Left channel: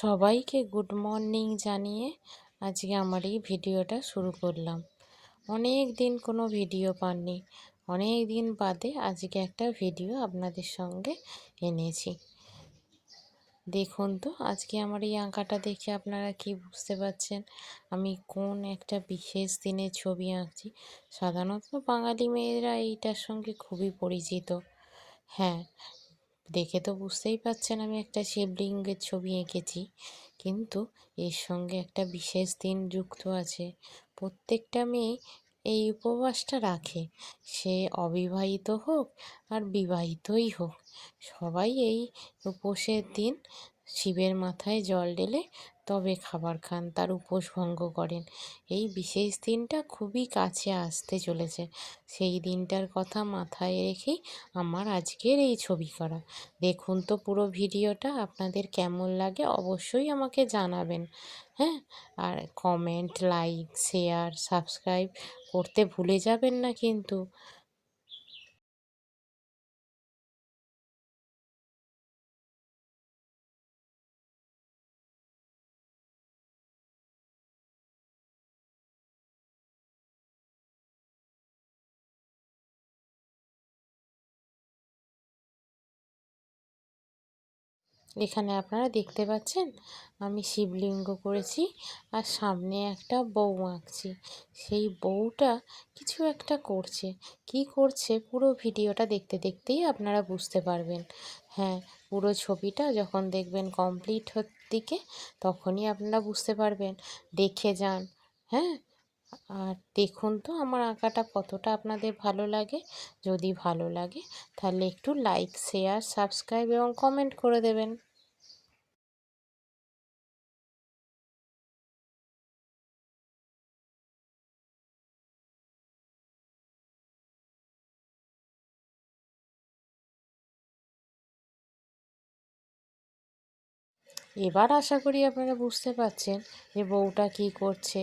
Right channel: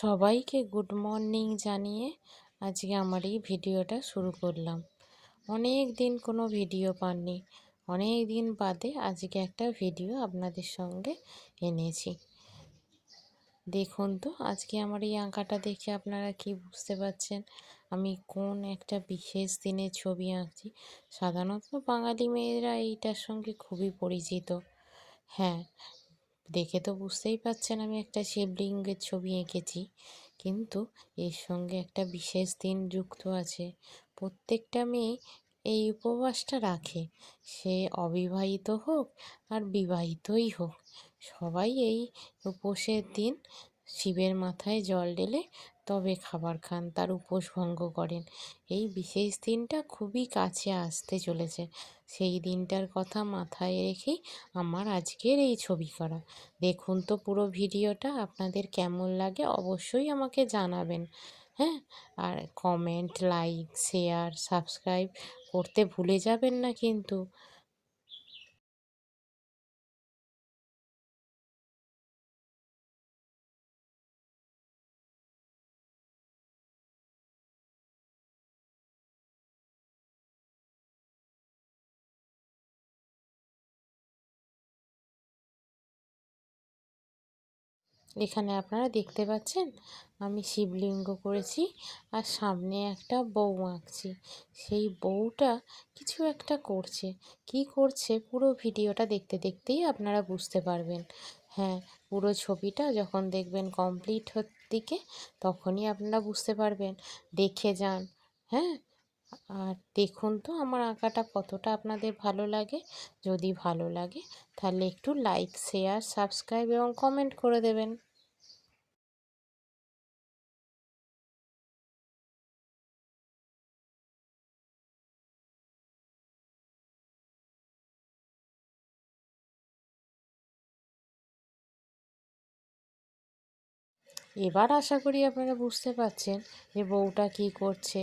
সবাইকে good morning জানিয়ে আজকে আমার এই ভিডিওটা শুরু করলাম। অনেক দিন কোনো ভিডিও পাননি, অনেক দিন বাদে আজকে একটা ভিডিও আপনাদের সঙ্গে এনেছি। দেখুন তো আজকে আমার এই আঁকাটা দেখে আপনারা কি বুঝতে পারছেন আমি কোন একটা বিশেষ দিনের ছবি আঁকছি। সাধারণত বাঙালি মেয়েরা এইটার সঙ্গে খুবই পরিচিত। হ্যাঁ, দেখে তো বুঝতেই পারছেন আমি একটা শিবলিঙ্গের ছবি এঁকেছি, কিন্তু এর সঙ্গে একটা বিশেষ দিন যুক্ত আছে। প্রত্যেকটা মেয়ে এই উপবাসটা রাখে, সে অবিবাহিত হোক আর বিবাহিতই হোক, সবাই এই উপোসের দিন শিবের মাথায় জল ঢেলে তবে খাবার খান, তার উপোস ভঙ্গ করেন। এই বিশেষ দিনটা খুবই কাছে আসতে চলেছে, সেই দিনটার কথা মাথায় রেখেই আমার আজকের এই ছবি করা। দেখুন তো পুরো ভিডিওটা, আপনাদের কেমন লাগে অবশ্যই আমাকে জানাবেন। হ্যাঁ, আর কমেন্ট, লাইক, শেয়ার, সাবস্ক্রাইব করতে ভুলে যাবেন না কিন্তু। এখানে আপনারা দেখতে পাচ্ছেন আমি শিবলিঙ্গ করেছি, আর সামনে একটা বউ আঁকছি। সেই বউটা কিছু একটা করছে, কি করছে পুরো ভিডিওটা দেখতে দেখতেই আপনারা বুঝতে পারবেন। হ্যাঁ, পুরো ছবিটা যখন দেখবেন কমপ্লিট দিকে, তখনই আপনারা বুঝতে পারবেন। দেখে যান। হ্যাঁ, আর দেখুন তো আমার আঁকাটা কতটা আপনাদের ভালো লাগে। যদি ভালো লাগে তাহলে একটু লাইক, শেয়ার, সাবস্ক্রাইব এবং কমেন্ট করে দেবেন। এবার আশা করি আপনারা বুঝতে পারছেন যে বউটা কী করছে।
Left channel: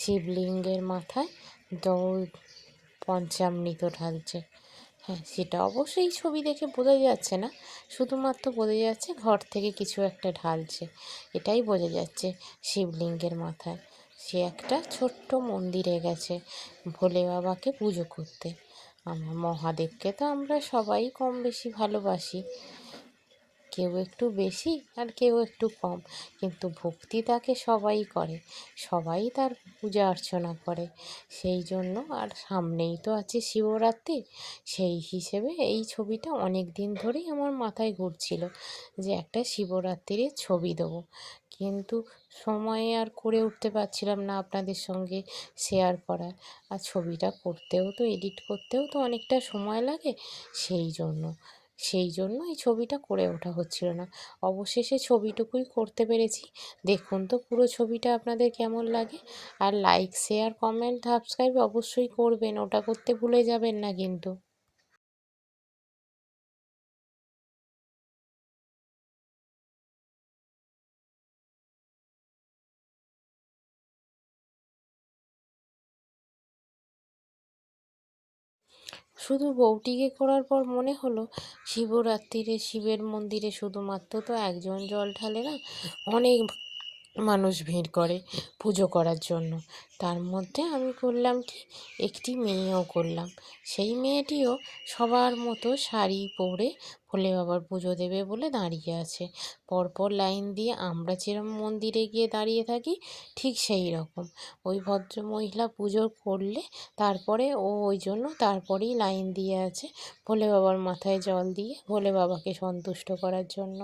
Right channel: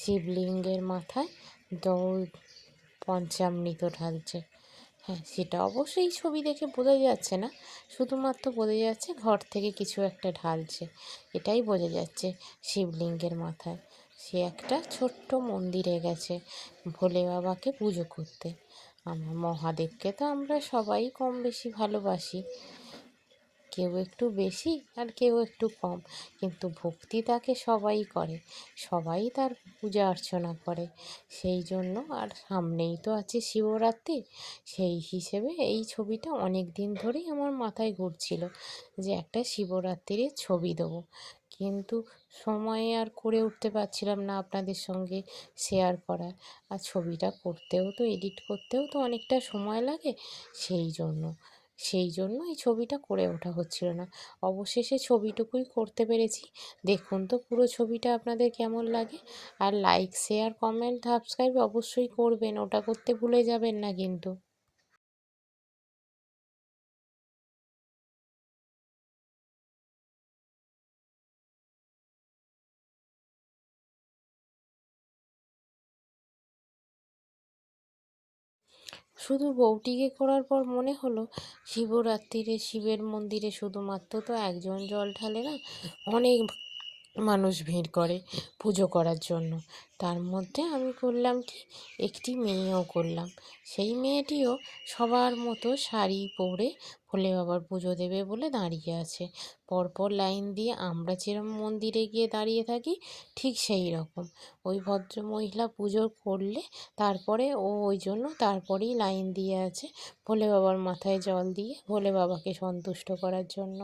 শিবলিঙ্গের মাথায় দৌড় পঞ্চামৃত ঢালছে। হ্যাঁ, সেটা অবশ্যই ছবি দেখে বোঝা যাচ্ছে না, শুধুমাত্র বোঝা যাচ্ছে ঘর থেকে কিছু একটা ঢালছে, এটাই বোঝা যাচ্ছে। শিবলিঙ্গের মাথায় সে একটা ছোট্ট মন্দিরে গেছে ভোলে বাবাকে পুজো করতে। আমার মহাদেবকে তো আমরা সবাই কম বেশি ভালোবাসি, কেউ একটু বেশি আর কেউ একটু কম, কিন্তু ভক্তি তাকে সবাই করে, সবাই তার পূজা অর্চনা করে। সেই জন্য, আর সামনেই তো আছে শিবরাত্রি, সেই হিসেবে এই ছবিটা অনেক দিন ধরেই আমার মাথায় ঘুরছিল যে একটা শিবরাত্রির ছবি দেবো, কিন্তু সময়ে আর করে উঠতে পারছিলাম না আপনাদের সঙ্গে শেয়ার করার। আর ছবিটা করতেও তো, এডিট করতেও তো অনেকটা সময় লাগে, সেই জন্য এই ছবিটা করে ওঠা হচ্ছিল না। অবশেষে ছবিটুকুই করতে পেরেছি। দেখুন তো পুরো ছবিটা আপনাদের কেমন লাগে। আর লাইক, শেয়ার, কমেন্ট, সাবস্ক্রাইব অবশ্যই করবেন, ওটা করতে ভুলে যাবেন না কিন্তু। শুধু বউটিকে করার পর মনে হলো শিবরাত্রিরে শিবের মন্দিরে শুধুমাত্র তো একজন জল ঢালে না, অনেক মানুষ ভিড় করে পুজো করার জন্য। তার মধ্যে আমি করলাম কি, একটি মেয়েও করলাম। সেই মেয়েটিও সবার মতো শাড়ি পরে ভোলে বাবার পুজো দেবে বলে দাঁড়িয়ে আছে। পরপর লাইন দিয়ে আমরা যেরকম মন্দিরে গিয়ে দাঁড়িয়ে থাকি, ঠিক সেই রকম ওই ভদ্রমহিলা পুজো করলে তারপরে ওই জন্য তারপরেই লাইন দিয়ে আছে ভোলে বাবার মাথায় জল দিয়ে ভোলে বাবাকে সন্তুষ্ট করার জন্য।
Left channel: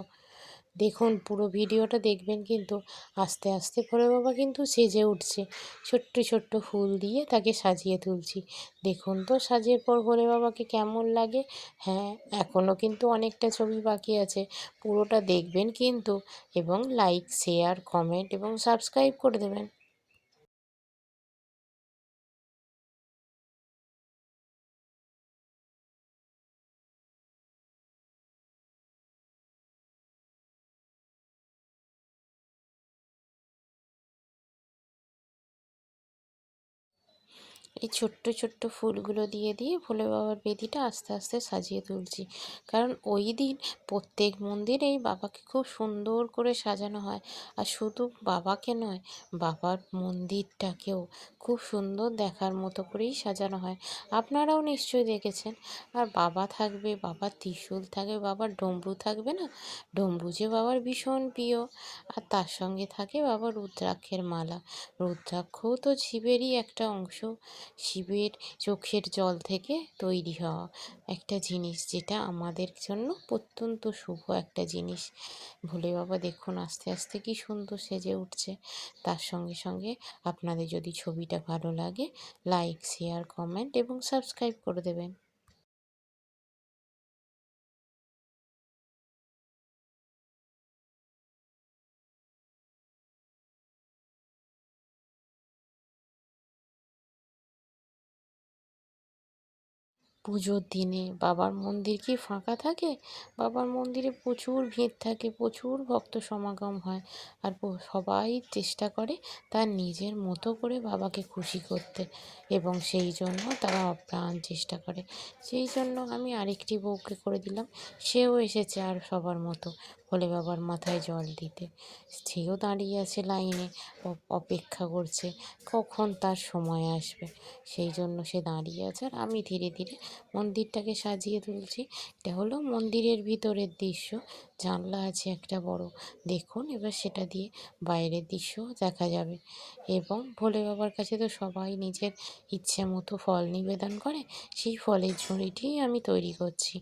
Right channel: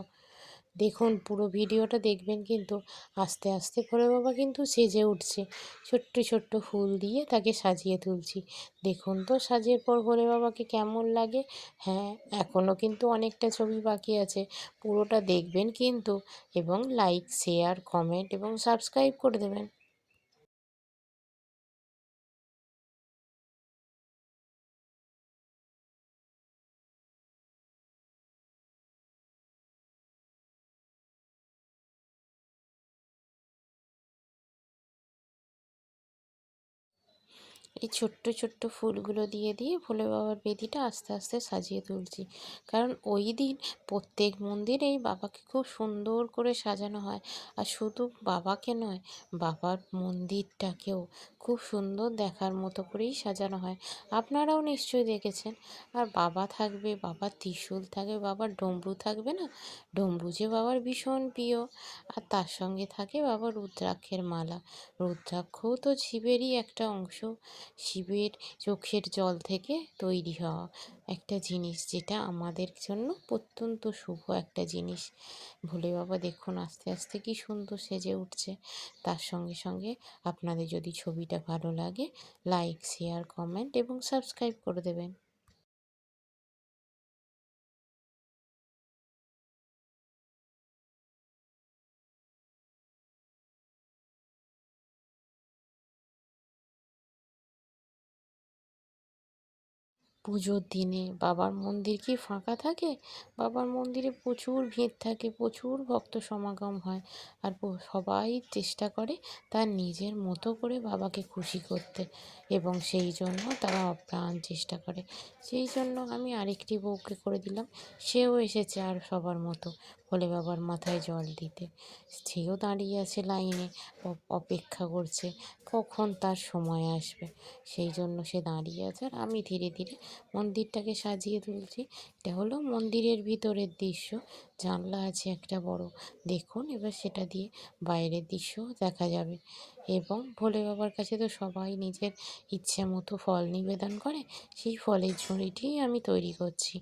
দেখুন পুরো ভিডিওটা দেখবেন কিন্তু। আস্তে আস্তে ভোলে বাবা কিন্তু সেজে উঠছে, ছোট্ট ছোট্ট ফুল দিয়ে তাকে সাজিয়ে তুলছি। দেখুন তো সাজের পর ভোলে বাবাকে কেমন লাগে। হ্যাঁ, এখনও কিন্তু অনেকটা ছবি বাকি আছে, পুরোটা দেখবেন কিন্তু, এবং লাইক, শেয়ার, কমেন্ট এবং সাবস্ক্রাইব করে দেবেন। এই ছোট্ট ছোট্ট ফুলগুলো দিয়ে দিয়ে ভোলে বাবার বেদিটা আস্তে আস্তে সাজিয়ে তুলছি। কারণ ওই দিন প্রত্যেক মন্দিরেই বাবাকে খুব সুন্দর করে সাজানো হয়। আর শুধু বাবাকে নয়, বাবার মন্দিরটাকেও খুব সুন্দর দেখার মতো করেই সাজানো হয়। আপনারাও নিশ্চয়ই দেখেছেন। আর বাবা থাকবে, বাবার ত্রিশূল থাকবে, বাবার ডমরু থাকবে না? ডমরু যে বাবার ভীষণ প্রিয়। আর তার সঙ্গে থাকে বাবার রুদ্রাক্ষের মালা। রুদ্রাক্ষও তো শিবেরই একটা অংশ। শিবের চোখের জল থেকে তৈরি হওয়া একটা জিনিস, যেটা আমাদের জন্য অত্যন্ত শুভ একটা জিনিস। ভোলে বাবা দেখুন আস্তে আস্তে কি সুন্দর সেজে উঠছে। তার সঙ্গে সঙ্গে আপনাদের যদি ছবিটা ভালো লাগে, লাইক, শেয়ার, কমেন্ট এবং সাবস্ক্রাইব করে দেবেন। পুজোর দিনে বাবার মন্দির কি ফাঁকা থাকে? বাবার মন্দিরে প্রচুর ভিড় থাকে, প্রচুর ভক্ত সমাগম হয়। আর সবাই চেষ্টা করে তার নিজের মতো করে বাবাকে খুশি করতে, এবং সেই জন্য তারা অপ্রাণ চেষ্টা করে। সেই জন্য আমি আরেকটি বউকে করে দিলাম, সেও এসেছে আর সবার মতো ভোলে বাবার মাথায় জল দিতে। সেও দাঁড়িয়ে আছে লাইনে, অপেক্ষা করছে কখন তার সময় আসবে। সেই জন্য সে দাঁড়িয়ে আছে, আর আমি ধীরে ধীরে মন্দিরটাকে সাজিয়ে তুলছি। এটা হলো মন্দিরের ভিতরের দৃশ্য। জানলা আছে একটা বড়, দেখুন এবার সেটা দিয়ে বাইরের দৃশ্যও দেখা যাবে। এবং ভোলে বাবার কাছে তো সবাই নিজের ইচ্ছে মতো ফল নিবেদন করে, সেই ফলের ঝুড়িটিই আমি তৈরি করছি।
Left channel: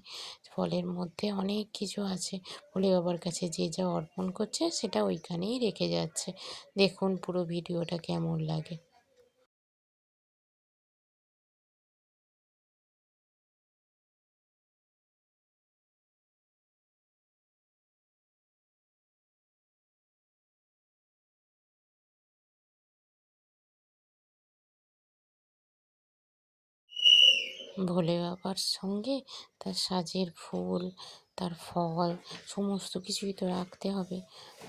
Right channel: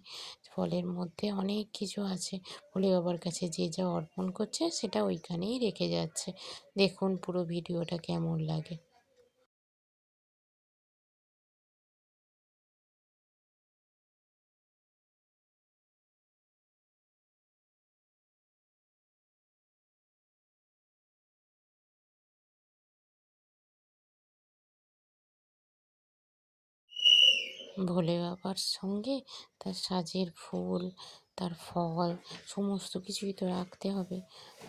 ফলের মধ্যে অনেক কিছু আছে, ভোলে বাবার কাছে যে যা অর্পণ করছে সেটা ওইখানেই রেখে যাচ্ছে। দেখুন পুরো ভিডিওটা কেমন লাগে। ভোলে বাবার সঙ্গে তার সাজের ফুল, তার ফল, সমস্ত কিছুই তো রাখতে হবে।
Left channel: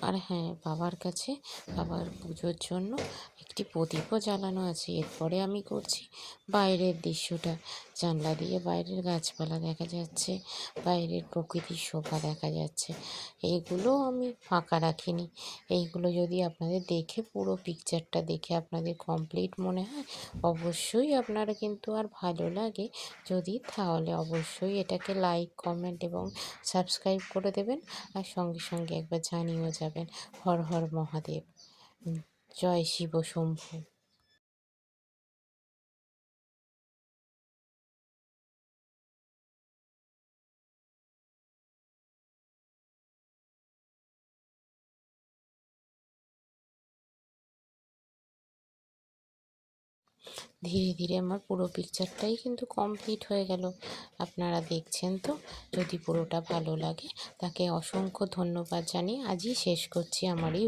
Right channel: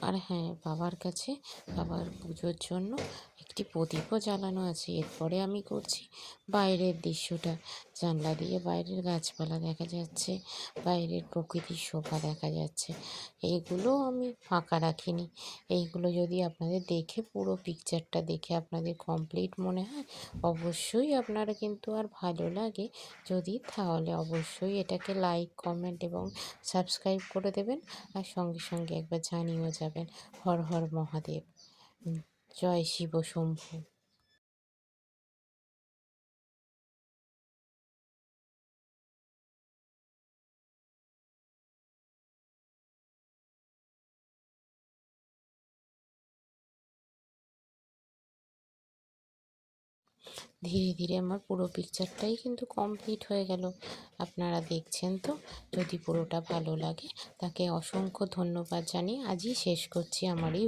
আর হ্যাঁ, বাবার কাছে বাবার পুজোর জন্য একটি প্রদীপও জ্বালানো আছে। এরপরে আমি করছি বাইরের দৃশ্যটা। জানলা দিয়ে বাইরের গাছপালা দেখা যাচ্ছে, বাইরের প্রকৃতির শোভা দেখা যাচ্ছে। এইগুলো আমি ফাঁকা রাখিনি। এইগুলো যদি আপনাদের দেখে, পুরো পিকচারটা দেখে আপনাদের কমপ্লিট মনে হয়, অবশ্যই আপনারা কিন্তু আর ভালো লাগে যদি, তাহলে অবশ্যই এটাকে লাইক, কমেন্ট এবং সাবস্ক্রাইব করে দেবেন। আর সঙ্গে সঙ্গে একবার জানিয়েও যাবেন। হর হর মহাদেব, জয় শিব শম্ভু। ধীরে ধীরে আমার পুরো পিকচারটাই কিন্তু কমপ্লিট হয়ে গেল। আপনারা দেখছেন তো। যদি পুরোটা ভালো লাগে, তাকে অসংখ্য ধন্যবাদ জানিয়ে আজই শেষ করছি আমার এই